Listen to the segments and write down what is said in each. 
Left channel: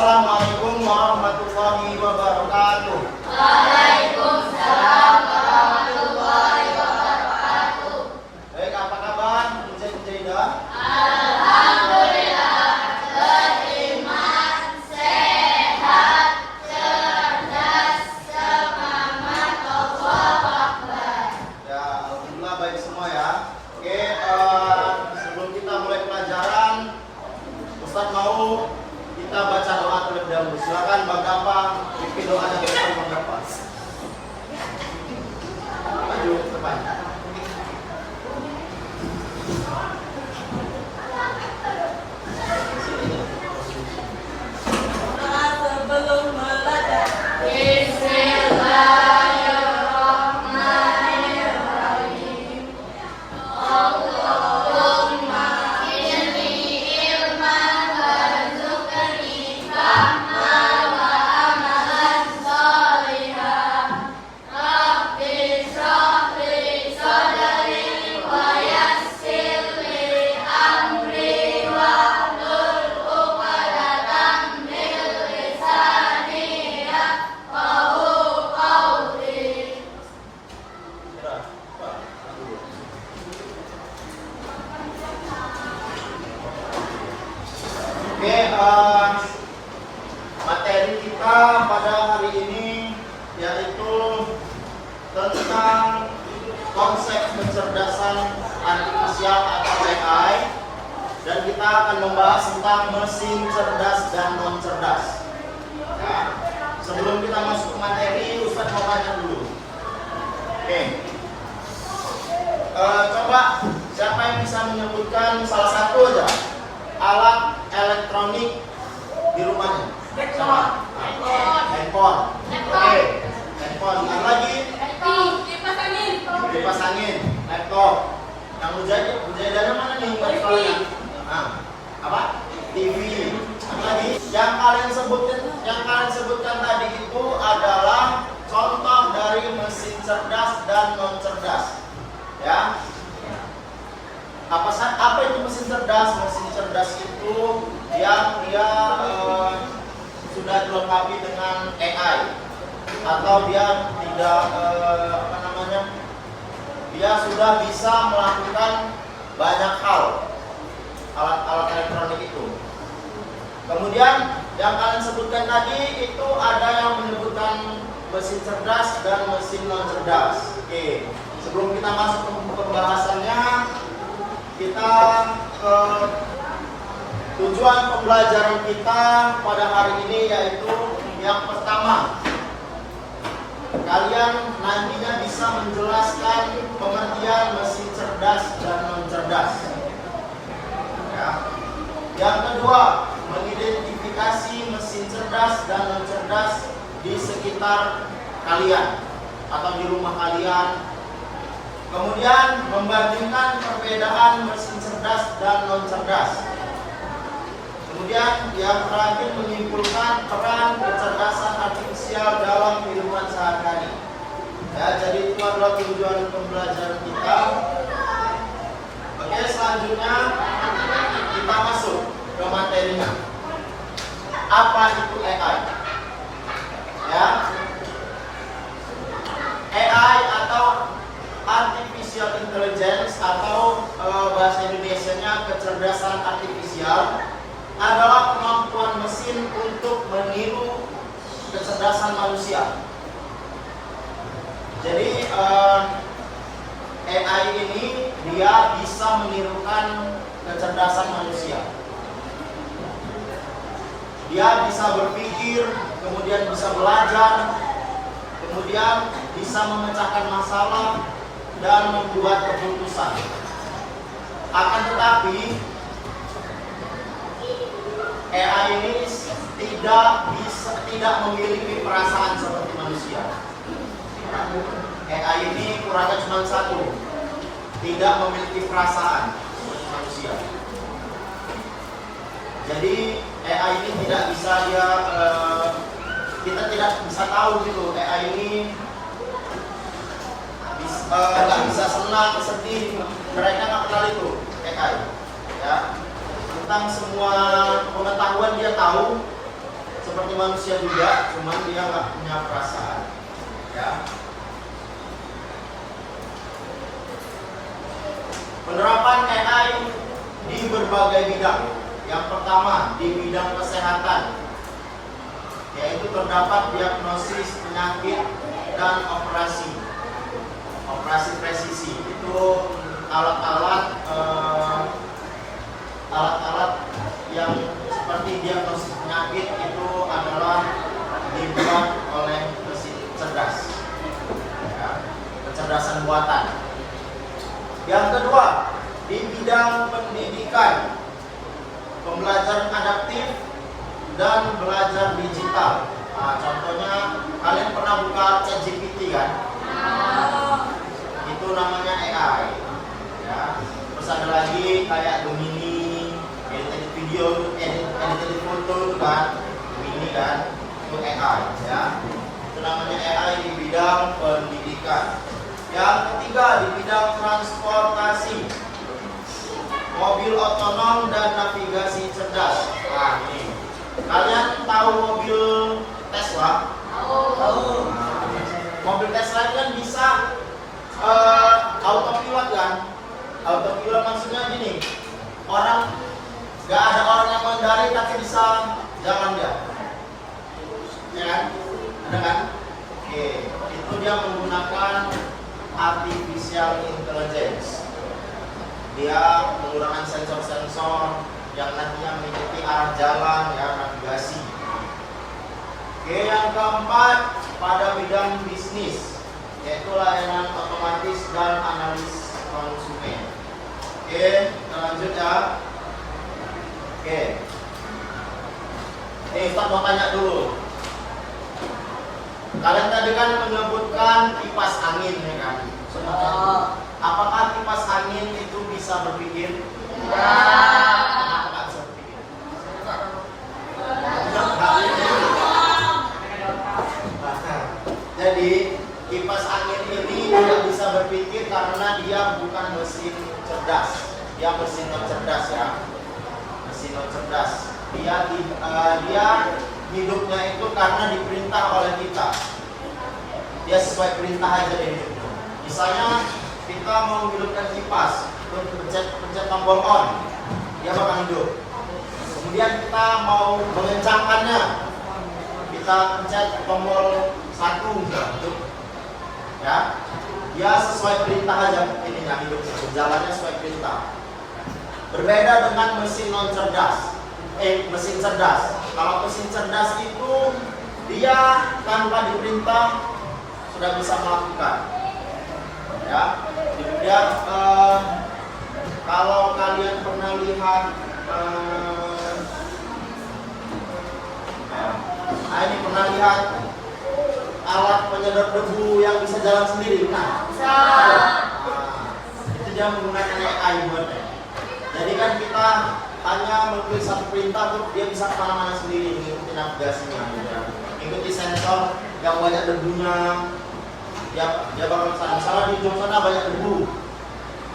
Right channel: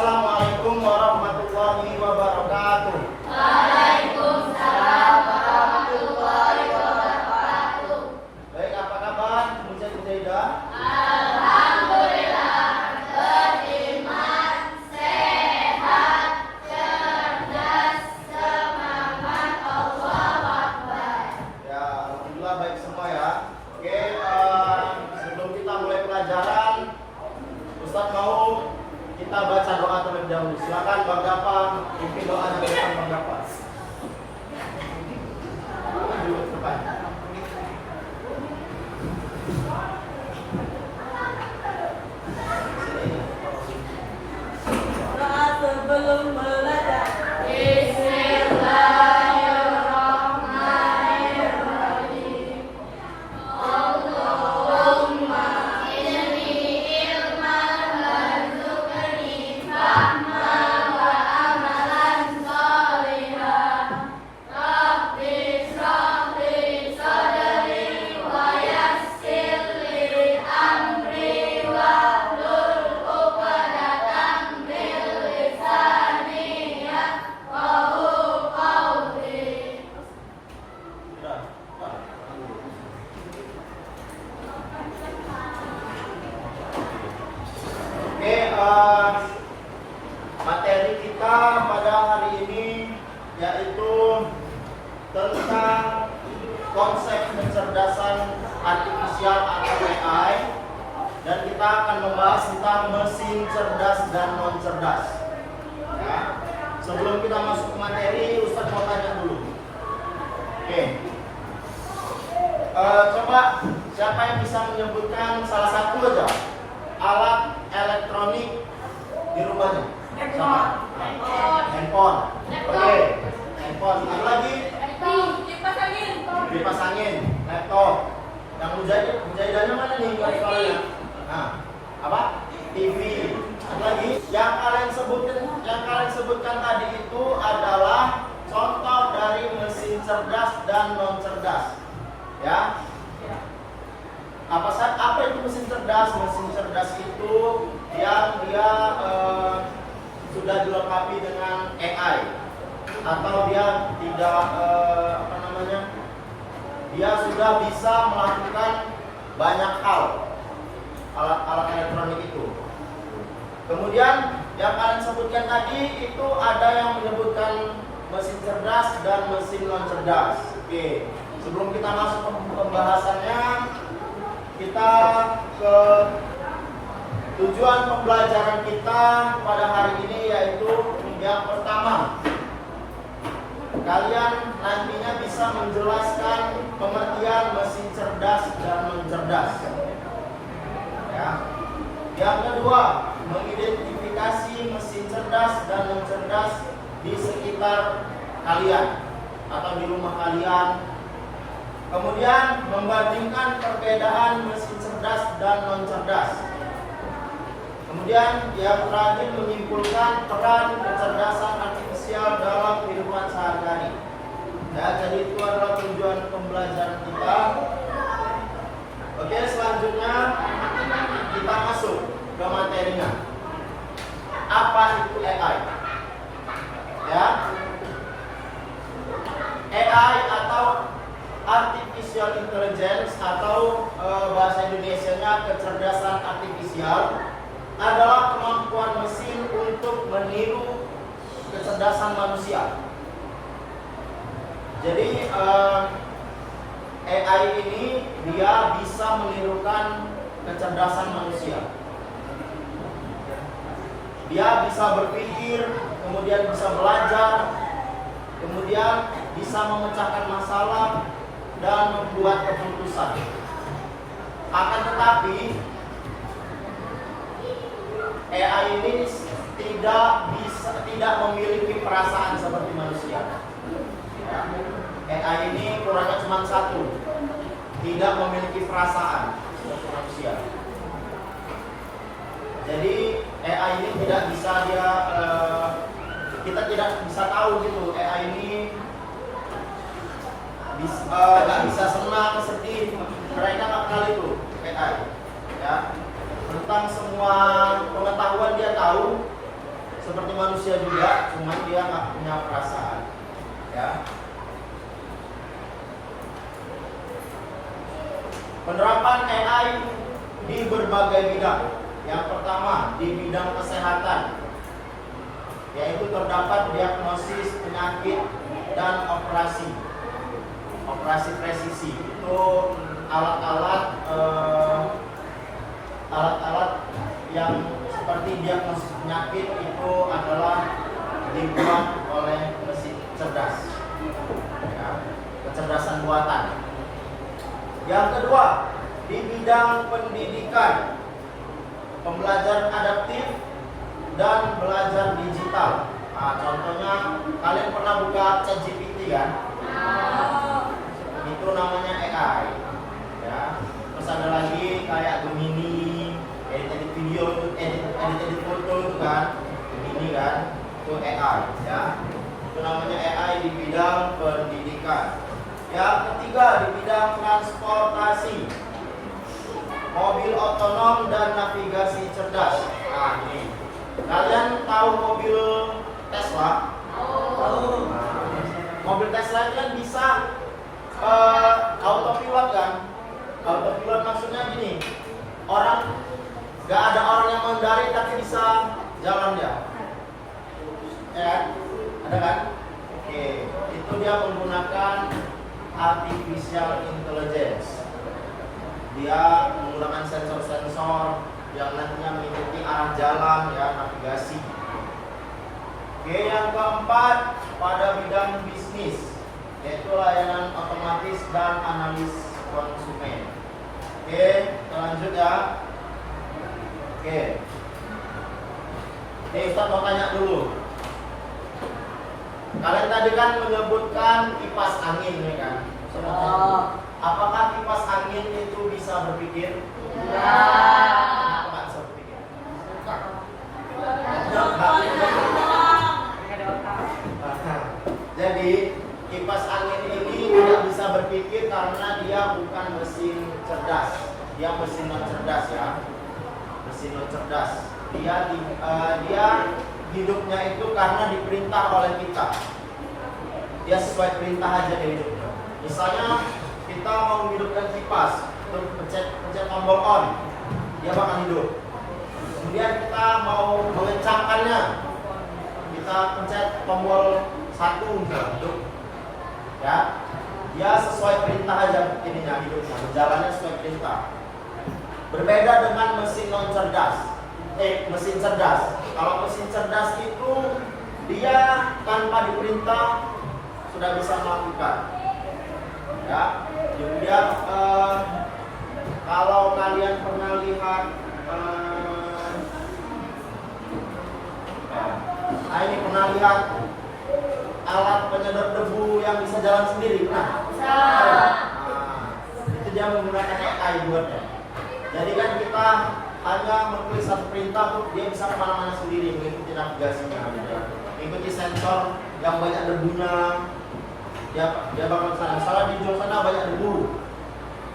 Assalamualaikum warahmatullahi wabarakatuh. Waalaikumsalam warahmatullahi wabarakatuh. Baik, apa kabar Mujaidah? Alhamdulillah, beriman, sehat, cerdas, semangat, Allahu Akbar. Ya, alhamdulillah baik semua ya. Oke, sebelum kita mulai pelajaran, Ustaz mau kita baca doa terlebih dahulu. Silakan Bang Gampang, pimpin doanya bersama Bang Gampang. Maju ke depan. Doa sebelum belajar. Bismillahirrahmanirrahim. Allahumma inni ilman warzuqni fahman wa amalan shalihan. Rabbi shrah li sadri wa yassir li amri wahlul 'uqdatam min lisani yafqahu qawli. Oke, materi kita pada hari ini yaitu tentang konsep kecerdasan artifisial atau AI, dan kita akan membahas tentang mesin cerdas dan non cerdas. Ya. Sebelum kita masuk ke materi, Ustaz mau tanya dulu. Oke. Coba siapa yang bisa menyebutkan salah satu aja alat elektronik di rumahnya? Handphone. Oke. Handphone. Yang lagi? Kipas angin. Laptop. Yang Mujaidahnya mana nih? Elektroniknya. Nah, apa? TV. Yang lagi? Yang kalian sebutkan tadi itu adalah contoh dari mesin cerdas dan non cerdas. Ya. Apa itu mesin cerdas? Mesin cerdas itu dia sudah dilengkapi dengan AI, atau dia tidak dia sudah bisa melakukan banyak hal, alat-alat elektronik itu. Kemudian yang kalian sebutkan tadi itu ada yang menyebutkan mesin cerdas dan mesin non cerdas. Oke, sebelum kita masuk ke pembahasannya, kita ke tujuan pembelajaran kita pada hari ini, yaitu yang pertama, kalian nantinya bisa menjelaskan pengertian mesin cerdas dan non cerdas. Ya. Yang kedua, mengidentifikasi mesin cerdas dan non cerdas di sekitar kalian atau di rumah kalian. Kemudian membandingkan perbedaan mesin cerdas dan non cerdas. Kemudian yang terakhir menyimpulkan peran kecerdasan artifisial dalam kehidupan sehari-hari. Ya, jadi itu adalah tujuan pembelajaran kita. Oke, selanjutnya kita masuk ke materinya. Apa itu AI? Ya, AI atau Artificial Intelligence atau bahasa Indonesianya kecerdasan artifisial adalah kemampuan mesin untuk meniru kecerdasan manusia. Jadi AI ini dia bisa menirukan kecerdasan manusia. Dia bisa berpikir, kemudian bisa belajar, kemudian bisa memecahkan masalah dan membuat keputusan. Akan tetapi AI ini tidak memiliki perasaan seperti manusia. AI ini kurangnya cuma satu, tidak memiliki perasaan seperti manusia. Jadi AI ini tidak bisa kita tidak bisa tahu gitu AI ini nggak bisa senang, sedih. Mereka nggak kenal itu AI. Ya, tentang semua pengetahuan dia tahu, manusia juga, cuma dia nggak punya perasaan. Ya. Penerapan AI di berbagai bidang. Yang pertama di bidang kesehatan, yaitu terdapat diagnosis penyakit dan operasi presisi. Itu alat-alat yang seperti diagnosis penyakit itu adalah dibuat oleh mesin cerdas, ya, kecerdasan buatan. Yang kedua di bidang pendidikan, pembelajaran adaptif dan belajar digital. Nah, contohnya kalian pernah buka ChatGPT kan? Itu namanya AI. Ya. Terus ada lagi kayak Gemini, edit video, edit foto itu kan, Gemini kan, itu AI. Ya. Itu namanya AI di bidang pendidikan. Yang ketiga di bidang transportasi, mobil otonom dan navigasi cerdas. Nah, ini. Kalian tahu mobil Tesla? Tahu. Mobil Tesla itu kan bisa autopilot kan? Autopilot maksudnya gini, nggak ada orang yang mengendari tapi bisa jalan dia. Ya kan? Ada kan? Oke, itu dia menggunakan artificial intelligence. Dia menggunakan sensor-sensor yang nantinya mengikuti arah jalan, ya, navigasi. Oke, yang keempat pada bidang bisnis, yaitu layanan otomatis dan analis konsumen. Oke, kita lanjut ya. Oke, ini Ustaz mau tanya dulu. Kalian tadi kan menyebutkan kipas angin, ya kan? Apakah kipas angin itu bisa berpikir? Nggak bisa berpikir. Jadi kipas angin ini tidak bisa berpikir karena dia bukan mesin cerdas. Dia mesin non cerdas ya. Mesin non cerdas. Dia hidupnya itu karena diperintah oleh kita. Dia sesuai perintah aja dia hidupnya. Misalnya kita mau menghidupkan kipas, pencet tombol on, dia bakal hidup. Kemudian kita mau mengencangkannya, kita pencet tombol 1 hidup. Ya, dia sesuai perintah aja ini yang hidup, jalannya sesuai perintah. Berbeda dengan mesin non cerdas, mesin cerdas. Kalau mesin cerdas itu dia tanpa diperintah sudah bisa melakukan. Ya, kemudian kalau kalian pernah lihat ini pernah lihat alat penyedot debu yang bisa jalan sendiri, itu dia menggunakan AI buatnya. Jadi kan kita hanya mengklik satu perintah tuh dia bisa kemana-mana sendiri, mengikuti navigasinya, mengikuti sensor yang banyak debunya. Dia bakal kesana. Misalnya di ujung sana banyak debu,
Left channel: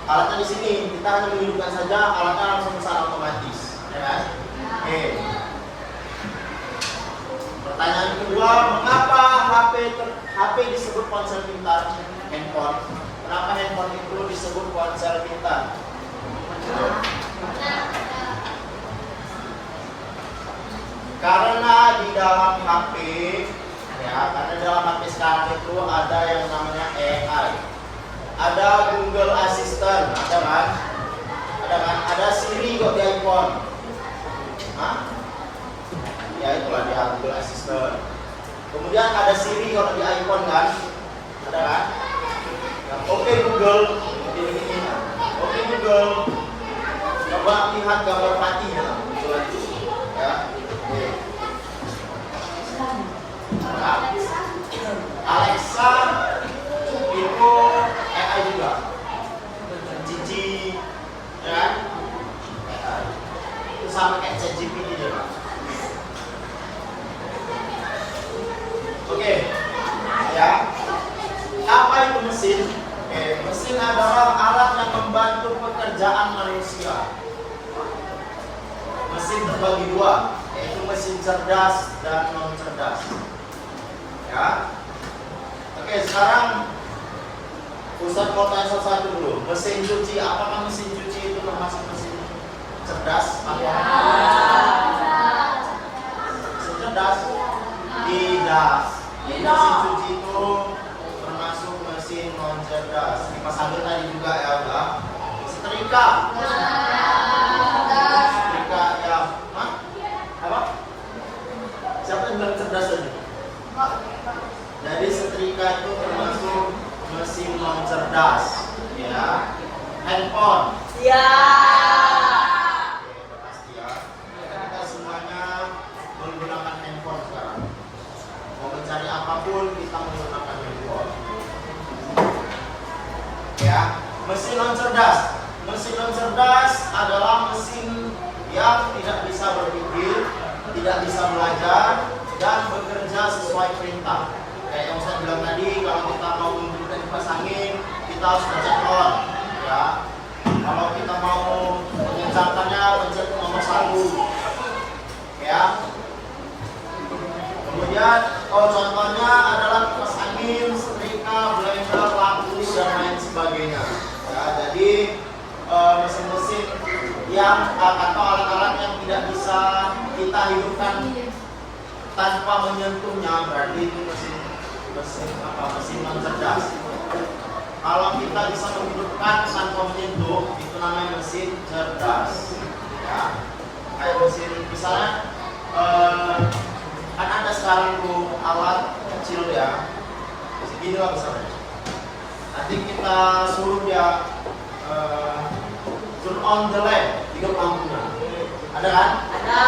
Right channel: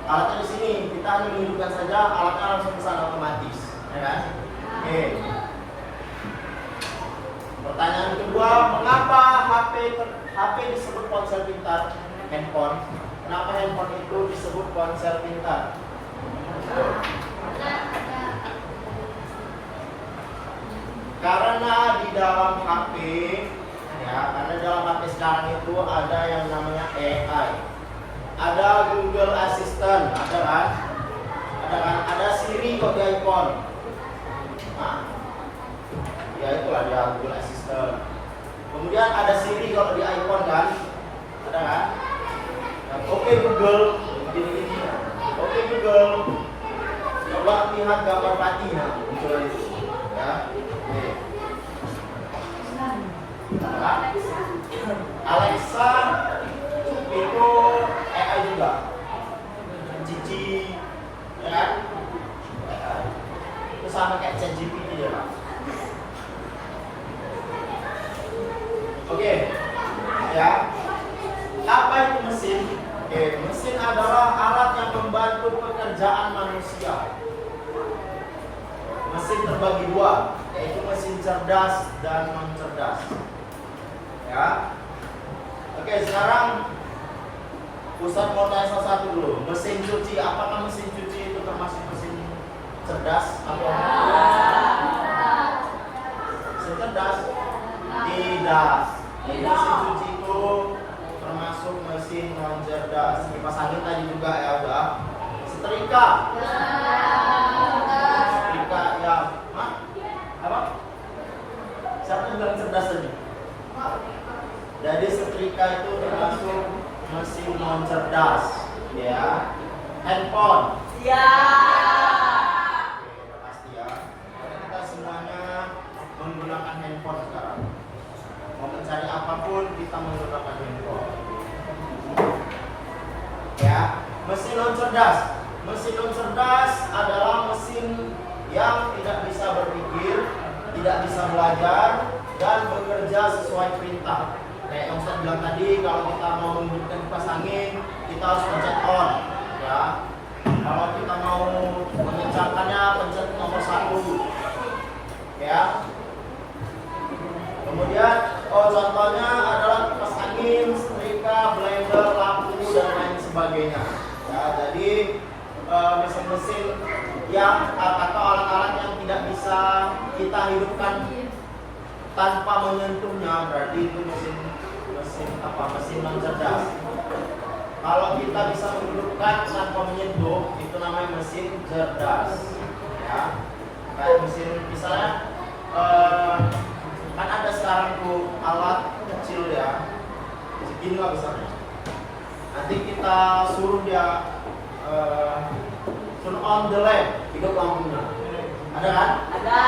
alatnya di sini, kita hanya menghidupkan saja, alatnya langsung kesana otomatis, ya kan? Oke. Pertanyaan kedua, mengapa HP disebut ponsel pintar? Handphone. Kenapa handphone itu disebut ponsel pintar? Karena di dalam HP, ya, karena dalam HP sekarang itu ada yang namanya AI. Ada Google Assistant, ada kan? Ada Siri kok di iPhone. Ya itulah dia Google Assistant. Kemudian ada Siri kalau di iPhone kan? Ada kan? Ya, Oke Google, begini. Oke Google, coba lihat gambar patinya. Ya. Nah, Alexa itu AI juga. Cici, ya kan? AI. Itu sama kayak ChatGPT dia kan? Oke, ya. Apa itu mesin? Oke, mesin adalah alat yang membantu pekerjaan manusia. Mesin terbagi dua, yaitu mesin mesin cerdas dan non cerdas. Ya. Oke, sekarang Ustaz mau tanya satu dulu. Mesin cuci, apakah mesin cuci itu termasuk mesin cerdas atau mesin cerdas? Tidak. Jadi mesin cuci itu termasuk mesin non cerdas. Kipas angin tadi juga ya, udah. Setrika. Setrika ya. Hah? Apa? Siapa yang bilang cerdas tadi? Jadi setrika itu termasuk mesin non cerdas, ya. Handphone. Ya. Pasti ya. Kita semuanya menggunakan handphone sekarang. Mau mencari apapun kita menggunakan handphone. Ya, mesin non cerdas. Mesin non cerdas adalah mesin yang tidak bisa berpikir, tidak bisa belajar, dan bekerja sesuai perintah. Kayak yang Ustaz bilang tadi, kalau kita mau menggunakan kipas angin, kita harus pencet on, ya. Kalau kita mau mengencangkannya, pencet nomor 1, ya. Kemudian, contohnya adalah kipas angin, setrika, blender, lampu, dan lain sebagainya. Ya, jadi mesin-mesin yang atau alat-alat yang tidak bisa kita hidupkan tanpa menyentuhnya, berarti itu mesin non cerdas. Kalau kita bisa menghidupkan tanpa menyentuh, itu namanya mesin cerdas. Ya, kayak mesin misalnya kan ada sekarang tuh alat kecil ya, segini lah besarnya. Nanti kita suruh dia turn on the lamp, hidup lampunya. Ada kan? Ada.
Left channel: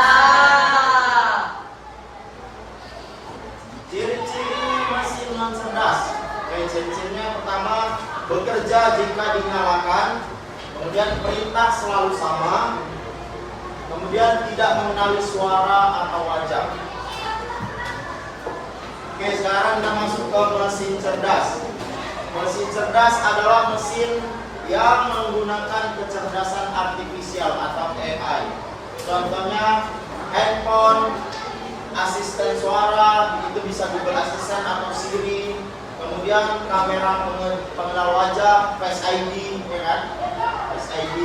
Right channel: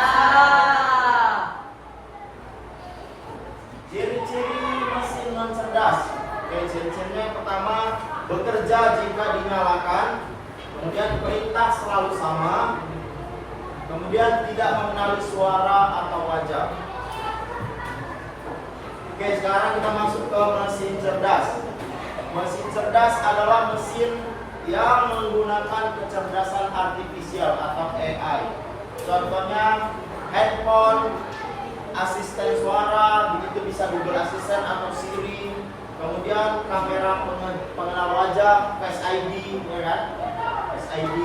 Ciri-ciri mesin non cerdas. Oke, ciri-cirinya yang pertama, bekerja jika dinyalakan, kemudian perintah selalu sama, kemudian tidak mengenali suara atau wajah. Oke, sekarang kita masuk ke mesin cerdas. Mesin cerdas adalah mesin yang menggunakan kecerdasan artifisial atau AI. Contohnya handphone, asisten suara, begitu bisa Google Assistant atau Siri. Kemudian kamera pengenal wajah, Face ID, ya kan? Face ID.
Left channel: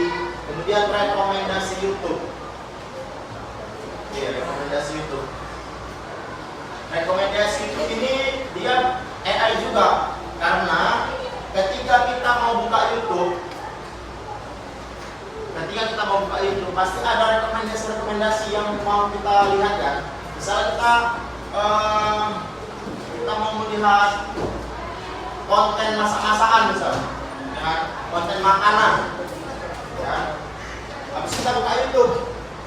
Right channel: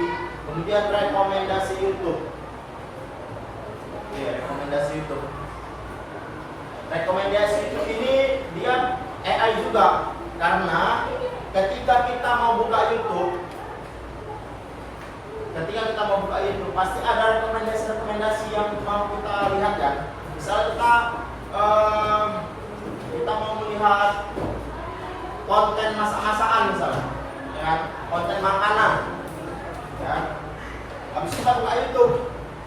Kemudian rekomendasi YouTube. Iya, rekomendasi YouTube. Rekomendasi YouTube ini dia AI juga, karena ketika kita mau buka YouTube, pasti ada rekomendasi yang mau kita lihat kan. Misalnya kita mau melihat konten masak-masakan misalnya, ya, konten makanan, ya. Habis kita buka YouTube,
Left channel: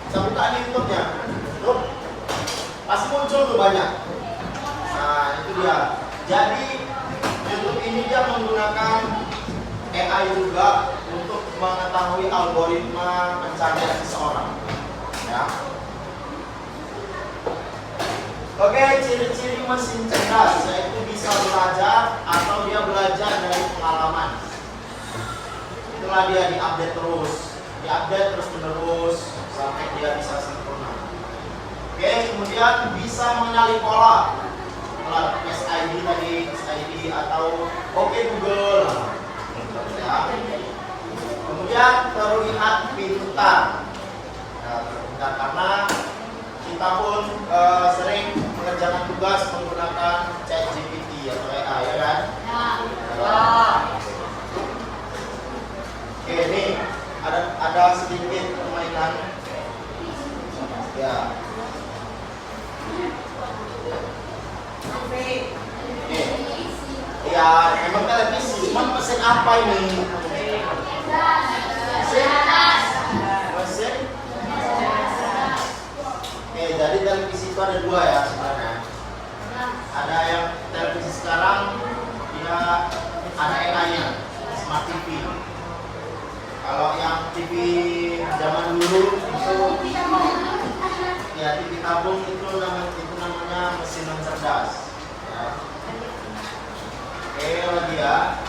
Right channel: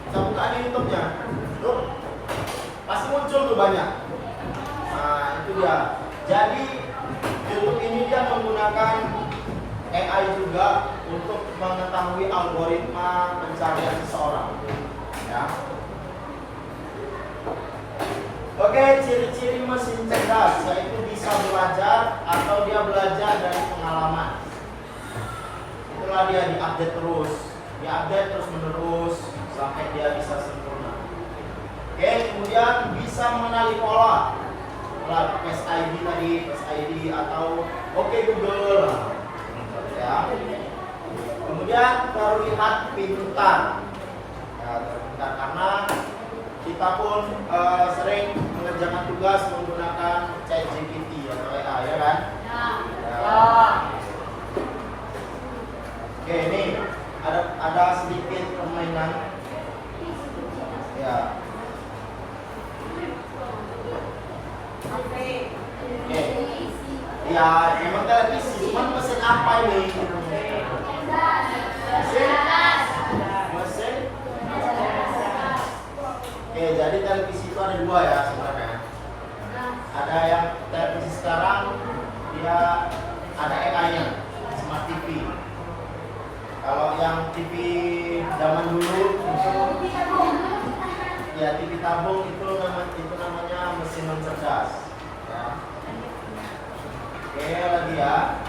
kita buka di YouTube-nya, terus pasti muncul tuh banyak. Nah, itu dia. Jadi YouTube ini dia menggunakan AI juga untuk mengetahui algoritma pencarian seseorang. Ya. Oke, ciri-ciri mesin cerdas yaitu bisa belajar atau dia belajar dari pengalaman. Itulah dia diupdate terus menerus sampai dia bisa sempurna. Oke, kemudian bisa mengenali pola. Face ID tadi, Face ID atau Oke Google. Ya. Kemudian terlihat pintar. Ya, terlihat karena kita pun sering mengerjakan tugas menggunakan ChatGPT atau AI, ya kan? Ya. Oke, ini ada sedikit permainan. Ya. Oke. Ya, memang televisi. Cuman mesin apa ini? Mesin. Oke, jadi televisi itu ada dua ya sebenarnya. Ada yang televisi sekarang dia ada AI-nya, smart TV. Kalau yang TV zaman dulu itu ya TV tabung itu namanya mesin non cerdas. Ya. Oke, lagi ya.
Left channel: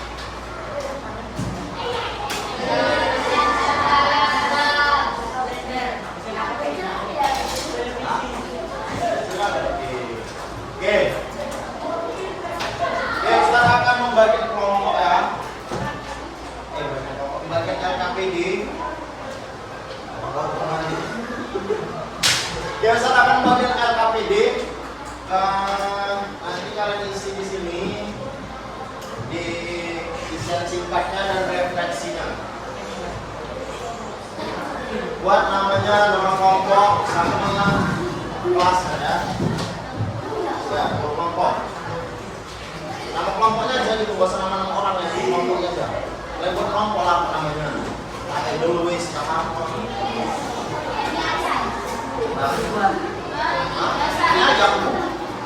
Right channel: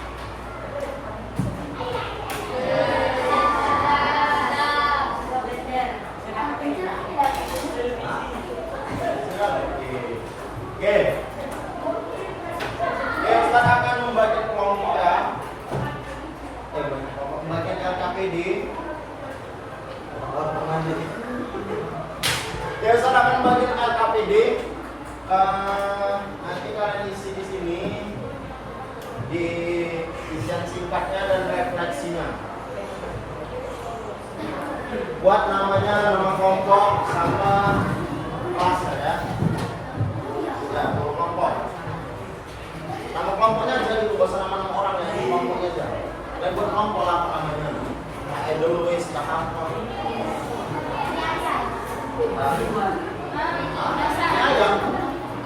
buat namanya nama kelompok sama kelas ya. Ya, kelompok. Nama kelompoknya aja gitu, bahasa nama orang ya, kelompoknya aja. Dan buat kelompok apa namanya? Pakai dulu wes, tak apa. Ini aja.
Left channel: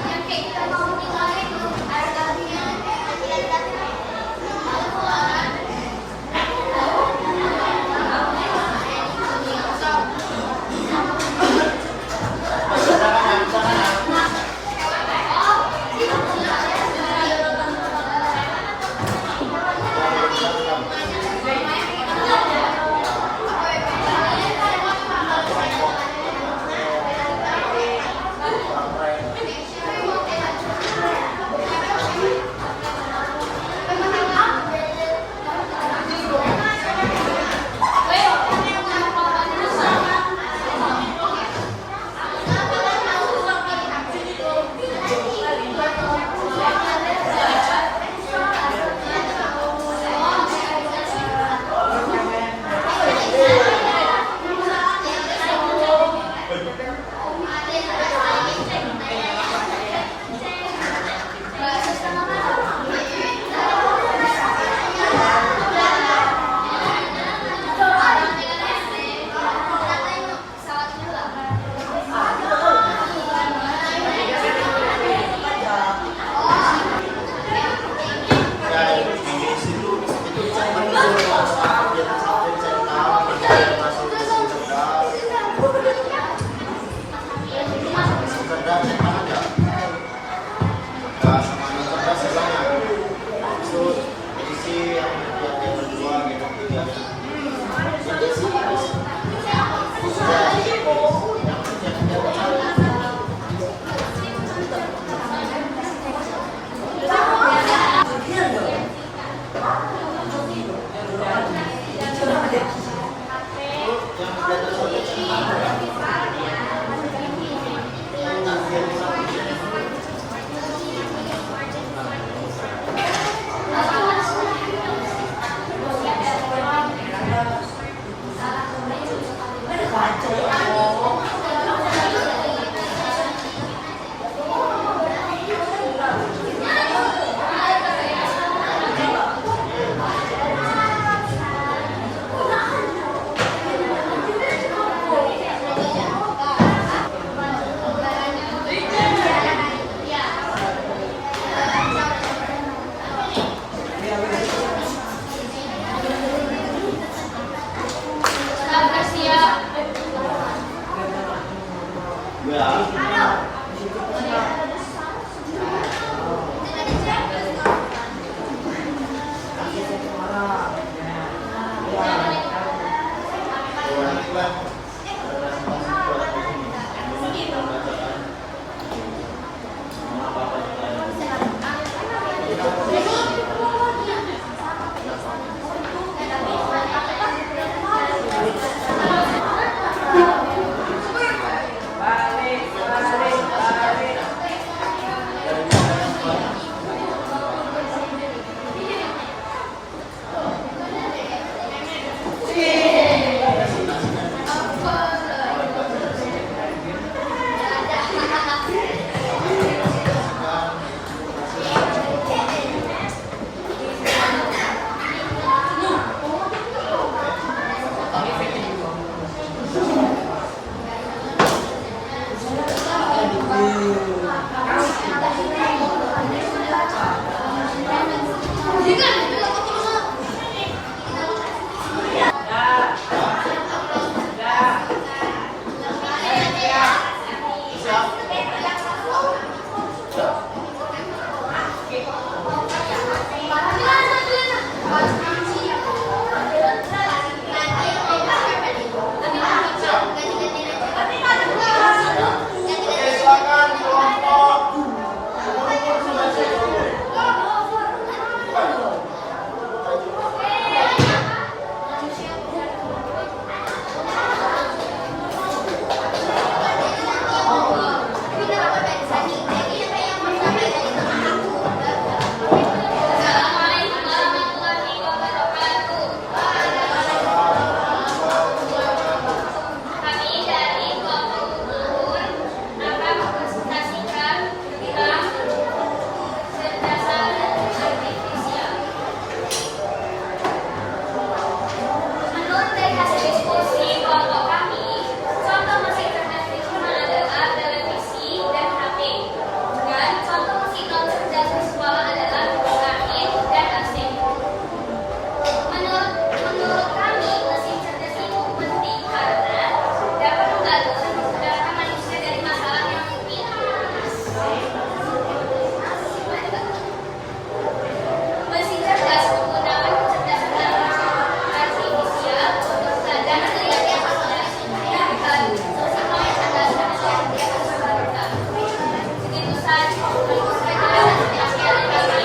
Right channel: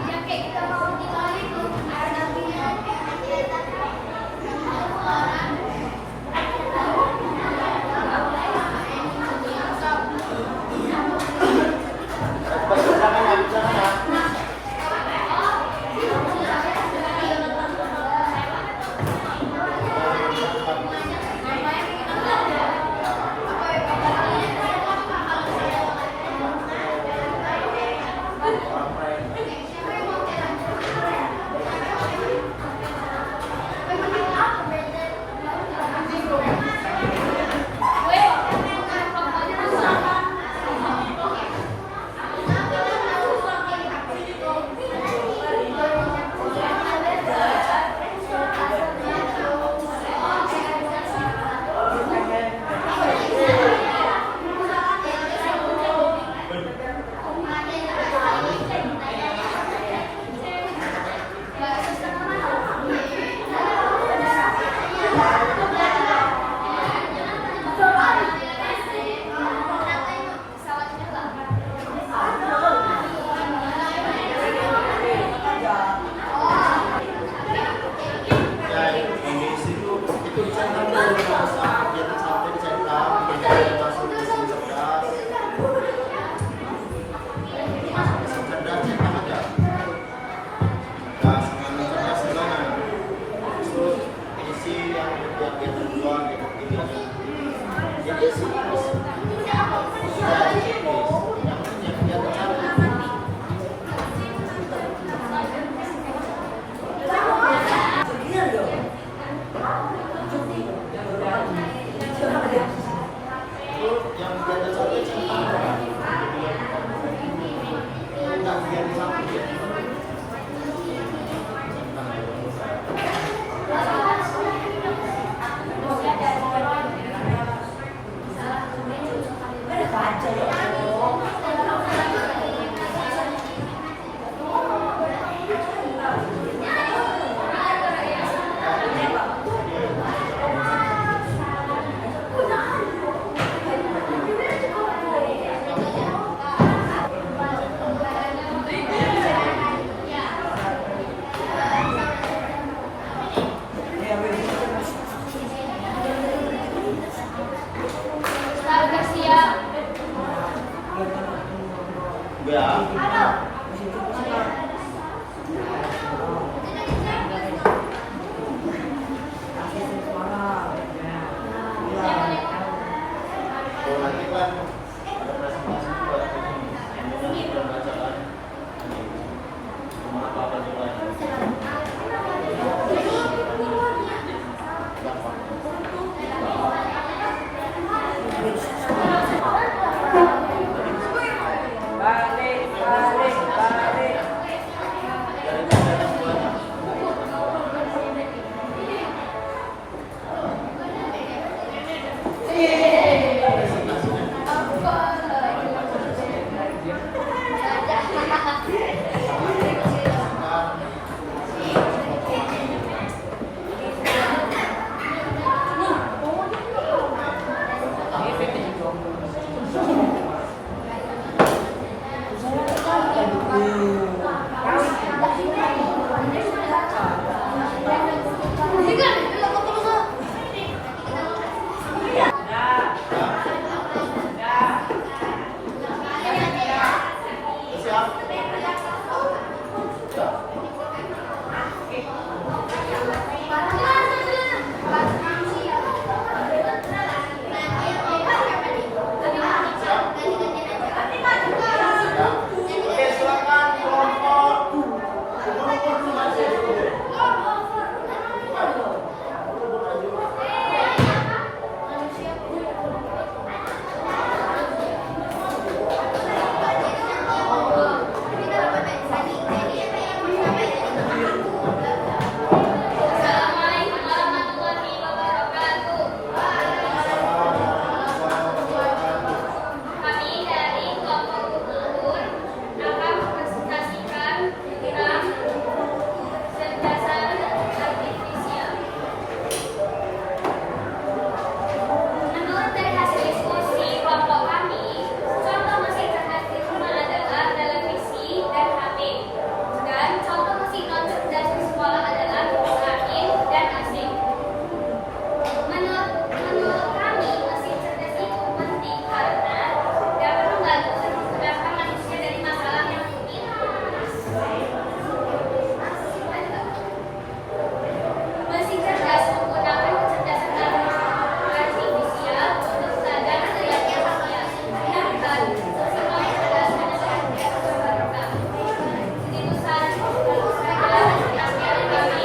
Yang kayak kita mau nilai belum ada nabinya. Mesin cerdas menggunakan kecerdasan artifisial untuk belajar melihat yang dan sesuai pada yang terbarukan. Begitu saja. Assalamualaikum warahmatullahi wabarakatuh.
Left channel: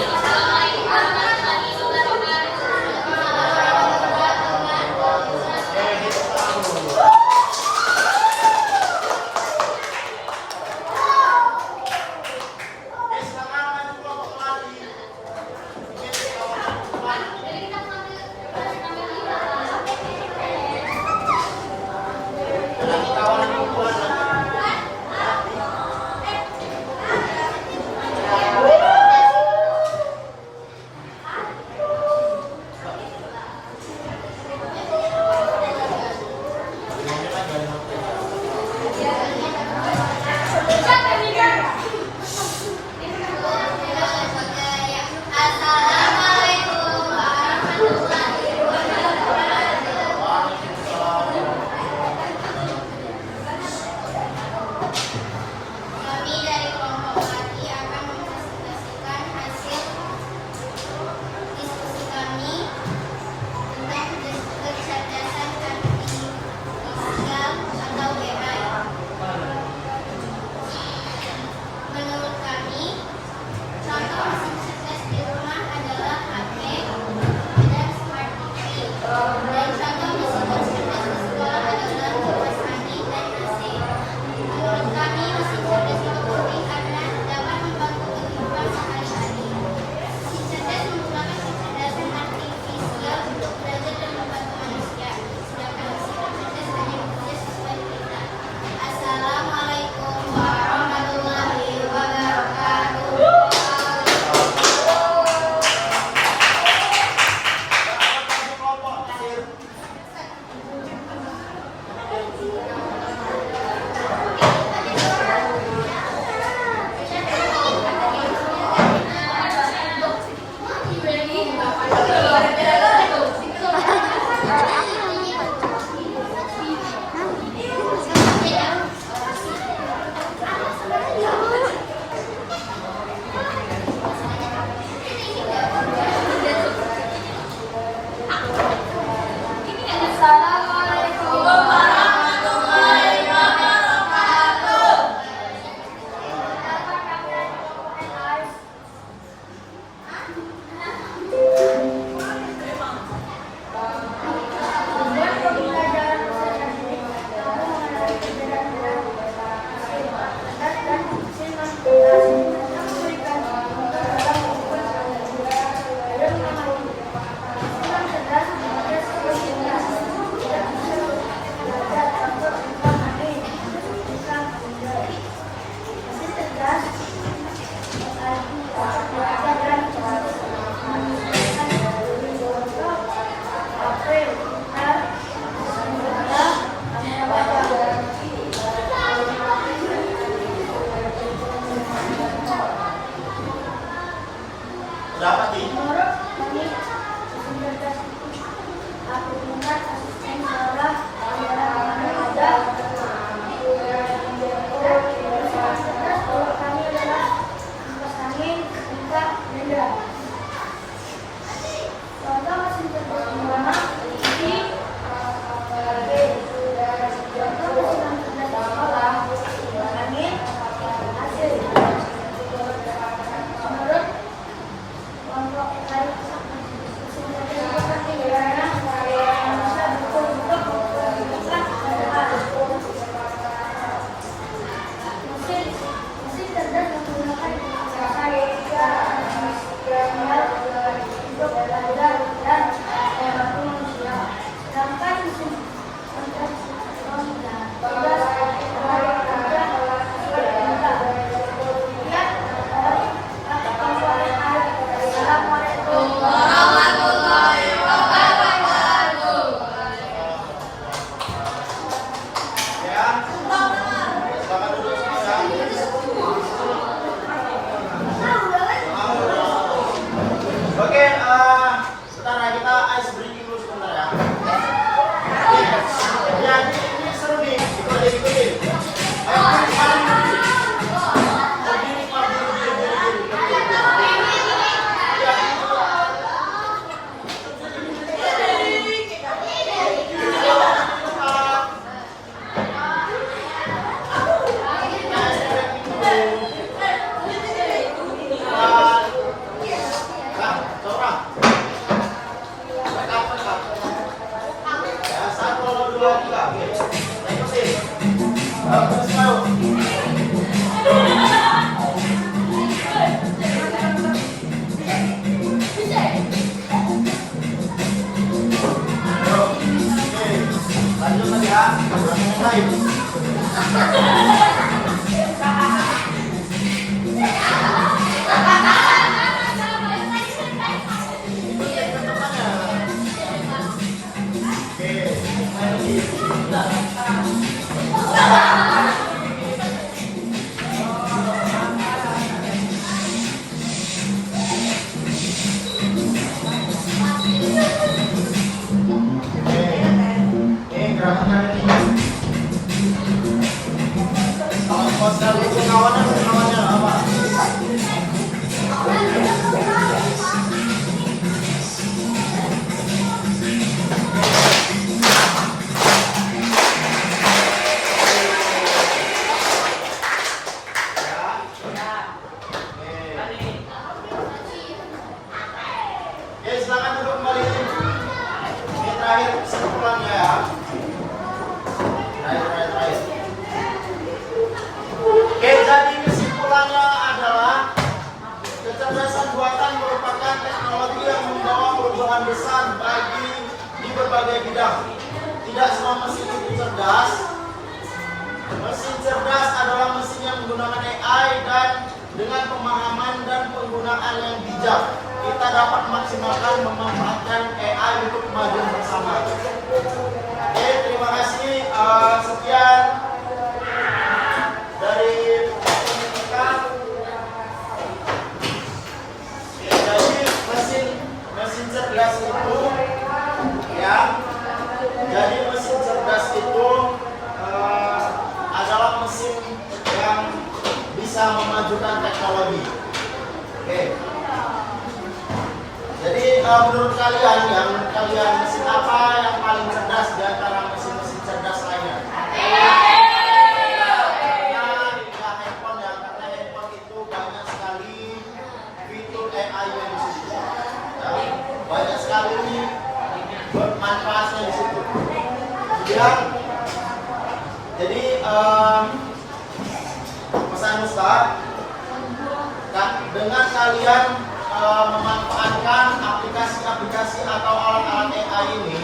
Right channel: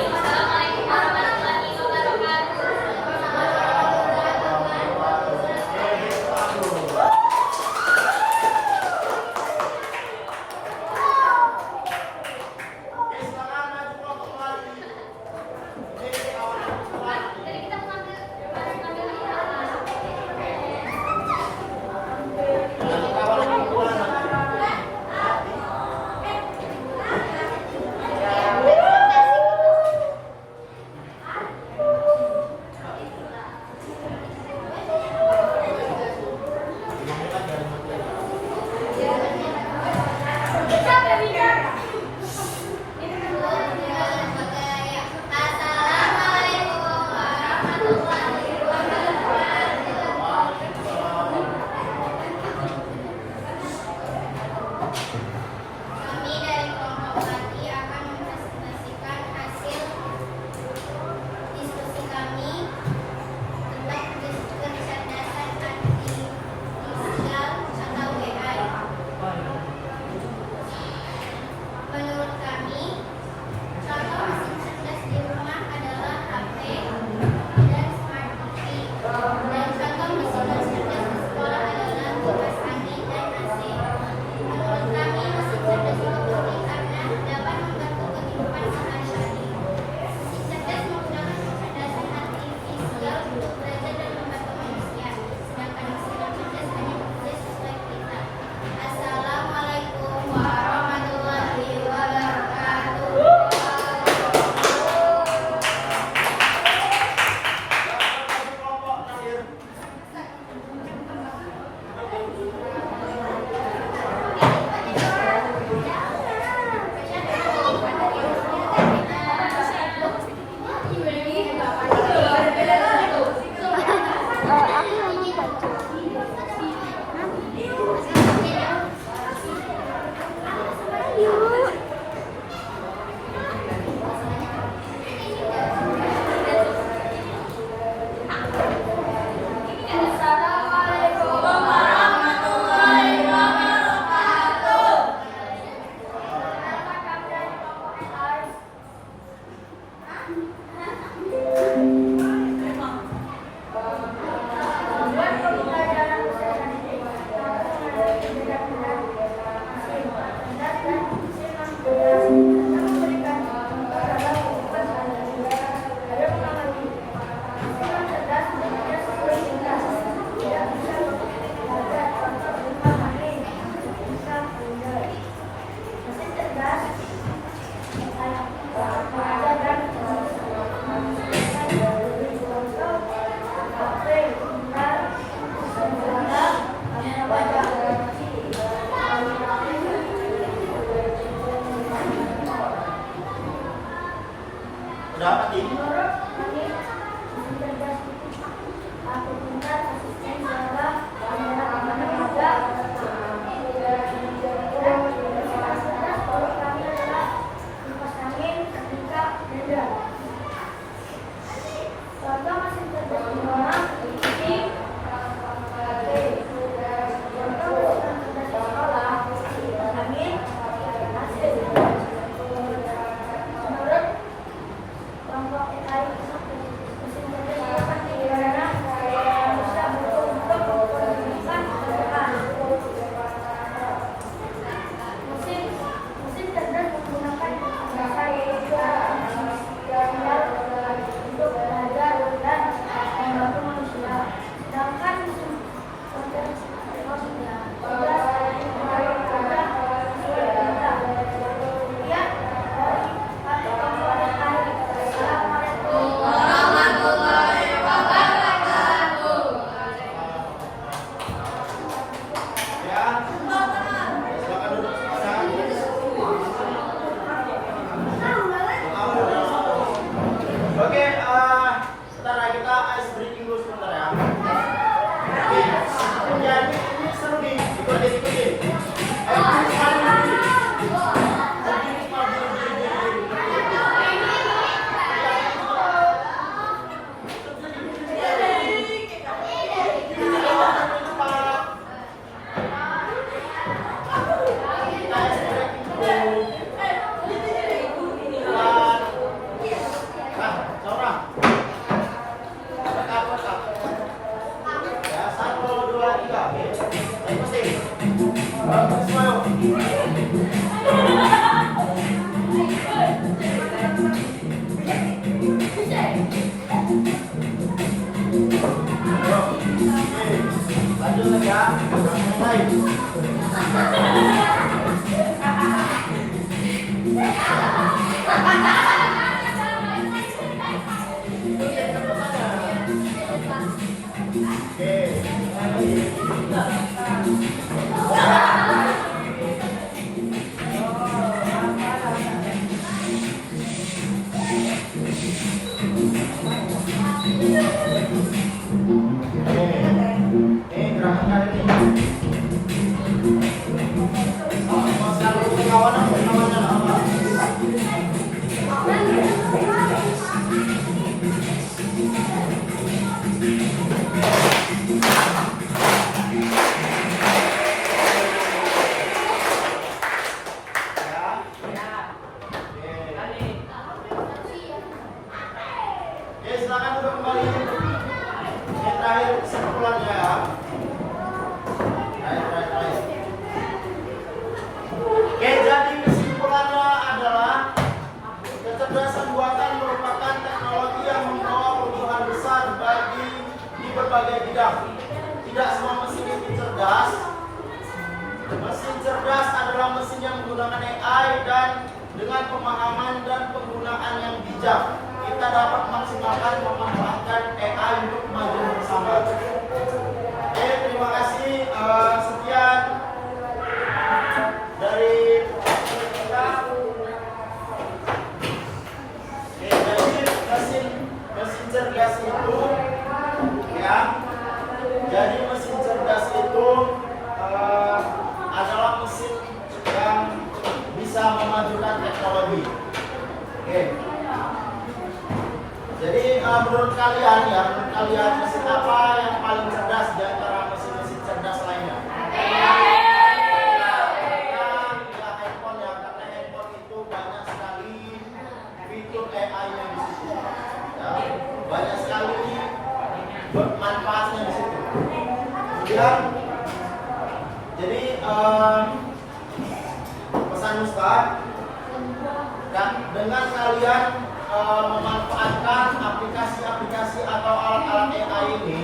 Itu yang pertama. Oke. Ini gerakan ini. Kalau pasal itu kawanan namanya apa? Oke, silakan duduk kembali. Ini terakhir kesimpulannya ya. Terakhir. Oke, jadi kesimpulannya adalah kecerdasan buatan merupakan teknologi yang membawa perubahan besar di berbagai bidang. Tidak semua mesin itu cerdas. Mesin cerdas adalah mesin yang menggunakan AI dan dengan pemahaman dan penggunaan yang bijak, kita dapat maksimalkan memanfaatkan AI untuk kemajuan bersama. Oke, terima kasih. Sekian dari kita. Oke, jadi mesin cerdas itu ya. Jadi mesin cerdas itu adalah mesin yang bisa memajukan teknologi. Oke. Jadi menurut kalian mesin apa yang paling cerdas di antara mesin-mesin cerdas lainnya? Handphone ya, karena handphone itu banyak sekali fitur AI-nya di situ. Ya, banyak sekali manfaatnya di situ. Kemudian, jadi pesan Ustaz, dengan kalian memanfaatkan aplikasi-aplikasi atau alat-alat AI ini,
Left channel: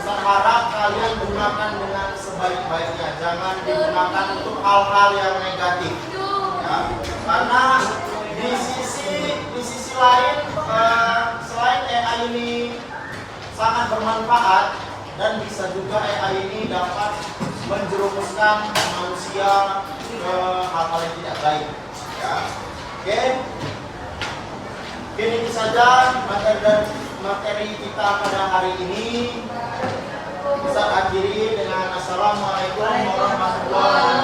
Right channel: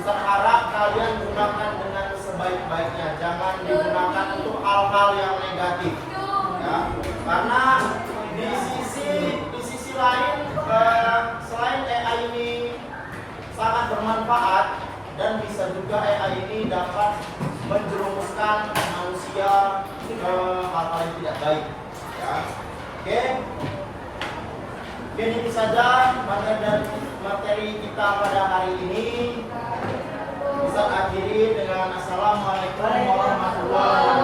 Ustaz harap kalian gunakan dengan sebaik-baiknya, jangan digunakan untuk hal-hal yang negatif. Ya, karena di sisi lain, selain AI ini sangat bermanfaat dan bisa juga AI ini dapat menjerumuskan manusia ke hal-hal yang tidak baik. Ya, oke. Mungkin itu saja materi kita pada hari ini. Bisa akhiri dengan Assalamualaikum warahmatullahi wabarakatuh.